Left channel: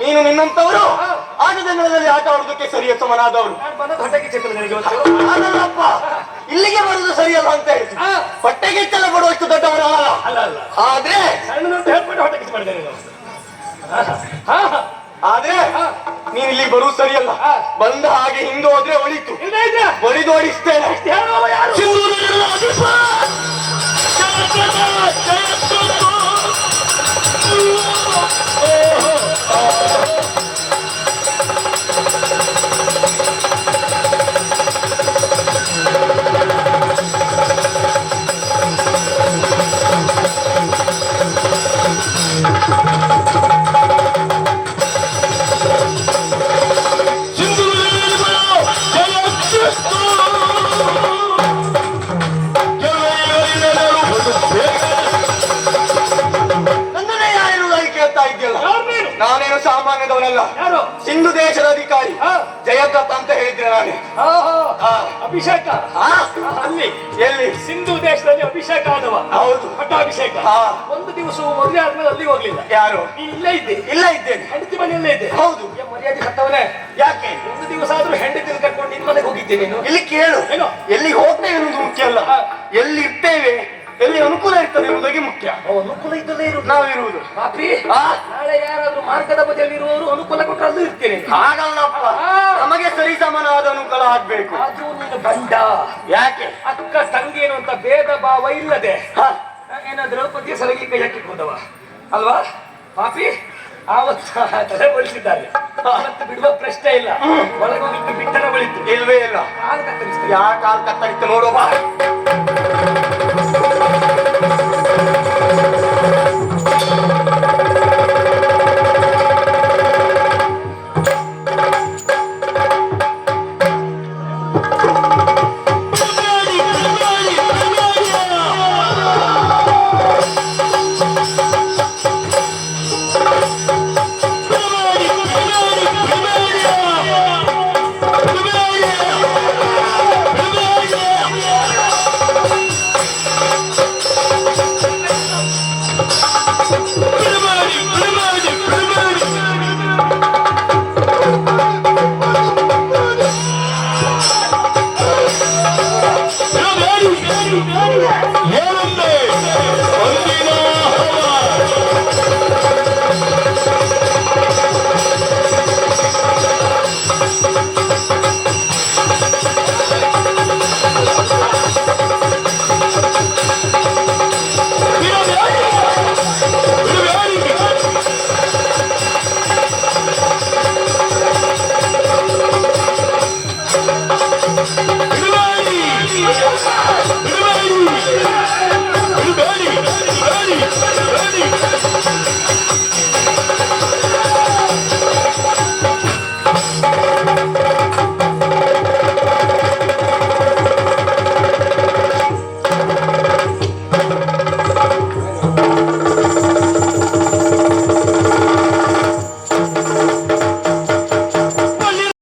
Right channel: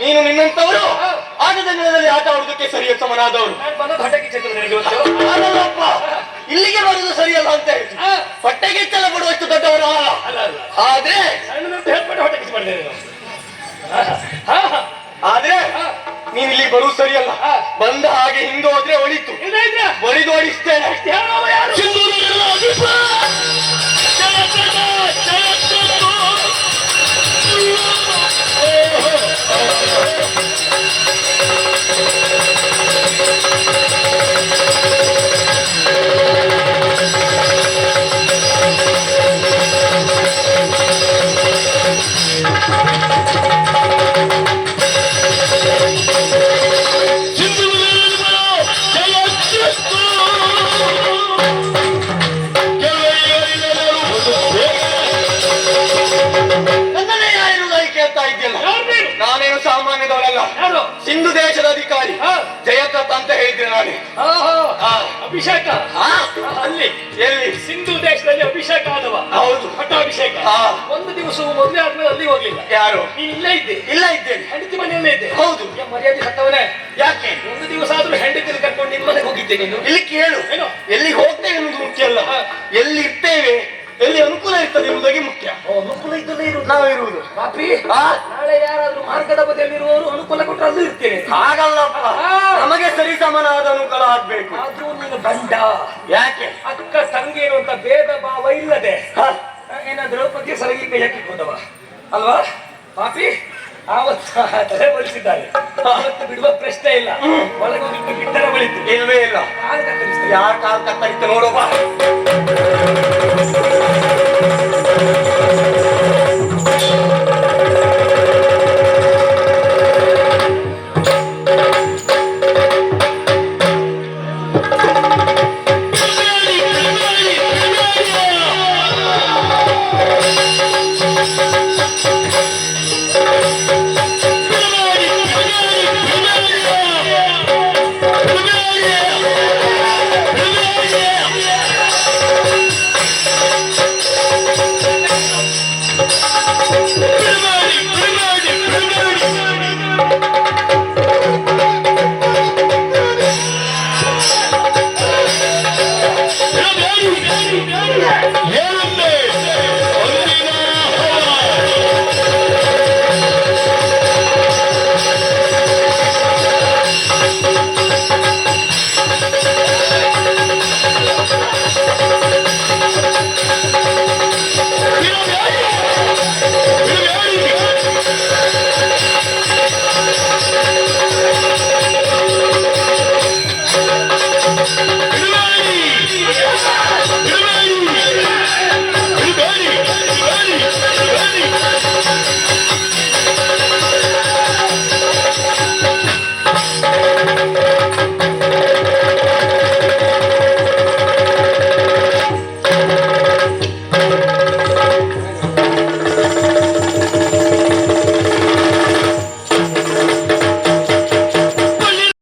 ನೀನು ನಿನ್ನಂತವರು ಆಟದ ನೆಲದಲ್ಲಿ ಆಟ ಆಡುವುದಕ್ಕೆ ಸರಿಯ ಸಮನಾದವರು. ಅದಲ್ಲಪ್ಪ, ಇಲ್ಲಿಗೆ ಬರುವುದು ಸರಿಯಲ್ಲ ಅಂತ ಹೇಳಿ ಹೊಟ್ಟೆಗೆಚ್ಚಲ ಪಡುವಷ್ಟು ದೊಡ್ಡವರು ಆದ್ರೆ ನೀನು ಇಲ್ಲಿಗೆ ಬರುವುದು ಸರಿಯಲ್ಲ. ಬಂದ ಹಾಗೆ ಹಿಂದೆ ಹೋದ್ರೆ ಒಳಿತು, ಒಳಿದು ಓಡಿಸ್ತೇನೆ. ನಾನೇನು ಸಾಮಾನ್ಯದವನಲ್ಲ, ಸಿಂಧು ದೇಶದ ಅಧಿಕಾರಿ ಜಯಕತ್ ಅಂತ ಹೇಳಿದ್ರೆ ನಾನೇ. ಅಭಿಷೇಕ ಅಲ್ಲಿ ಎಲ್ಲಿ? ಸಿಂಧು ದೇಶದಲ್ಲಿ ಅಭಿಷೇಕ ಆದವ. ಹೌದು, ಪಟ್ಟಾಭಿಷೇಕ. ಒಂದು ದಿವಸವೂ ಮದುವೆ ಆದ್ಮೇಲೆ ಅಲ್ಲಿ ಹೋಗ್ಲಿಲ್ಲ. ಯಾರು? ನೀನ್ ಇಲ್ಲೇ ಇದ್ದೆ. ಇಲ್ಲ ಇದ್ದೇನೆ. ಹೆಂಡತಿ ಮನೆಯಲ್ಲೇ ಇದ್ದೆ. ಹೌದು. ಮರ್ಯಾದೆ ಸತ್ತವನೇ. ಯಾಕೆ? ಒಂದು ದಿವಸ ಆದ್ರೂ ಹೆಂಡತಿ ಕರ್ಕೊಂಡು ನಿನ್ ಮನೆಗೆ ಹೋಗಿದ್ದೆ ನೀನು. ಇಲ್ಲಿ ಕೇಳು, ಎಲ್ಲಿಗೆ ಹೋಗ್ತೇವೆ ಅನ್ನೋದು ಮುಖ್ಯ ಅಲ್ಲ, ಎಲ್ಲಿ ಇರ್ತೇವೆ, ಎಲ್ಲಿ ಅನುಕೂಲ ಇರ್ತದೆ ಎಂಬುದಾಗಿ ಮುಖ್ಯ. ಅನುಕೂಲ ಇದ್ದಲ್ಲೇ ಇರುವುದು ನಾವಿರುವುದು. ನಾಳೆ ಯಾರಾದ್ರೂ ಮಾರ್ಗದ ಬದಿಯಲ್ಲಿ ಇರುವವರು ಅನುಕೂಲ ಕೊಟ್ಟರೆ ಅಲ್ಲೂ ಇರ್ತೇನೆ. ಹಾಗಲ್ಲಪ್ಪ, ನಮಗೆ ಸರಿ ಸಮನಾದ ಅನುಕೂಲ ಆಗ್ಬೇಕು. ಆದ್ರೂ ನೀನು ಗಂಡ. ಯಾಕೆ? ಅಕ್ಕ ತಂಗಿ ಅನ್ನುವಂತ ಭೇದ ಭಾವ ಇಲ್ಲದೆ ಏನ ದ್ರೌಪದಿಯ ಸಲಗಿ ಕೈ ಹಾಕಿಕೊಂಡವ ಅಲ್ವಾ ಪಾಪಿ? ಆವತ್ತು ತಲೆ ಬಲಿಸಿದ್ದಾರೆ. ಆವತ್ತು ಬಿಡುವ ಪ್ರಶ್ನೆ ಇಲ್ಲ. ಒಳಗೆ ಹೋಗಿಟ್ಟು ಬಿಟ್ಟರ ಬಳಿತು. ಇಲ್ವೇ ಇಲ್ಲ. ಕಾಲು ಕತ್ತರಿಸ್ತಾರೆ. ಯಾರ ಕಾಲು ಕತ್ತರಿಸ್ತ ನೋಡುವ.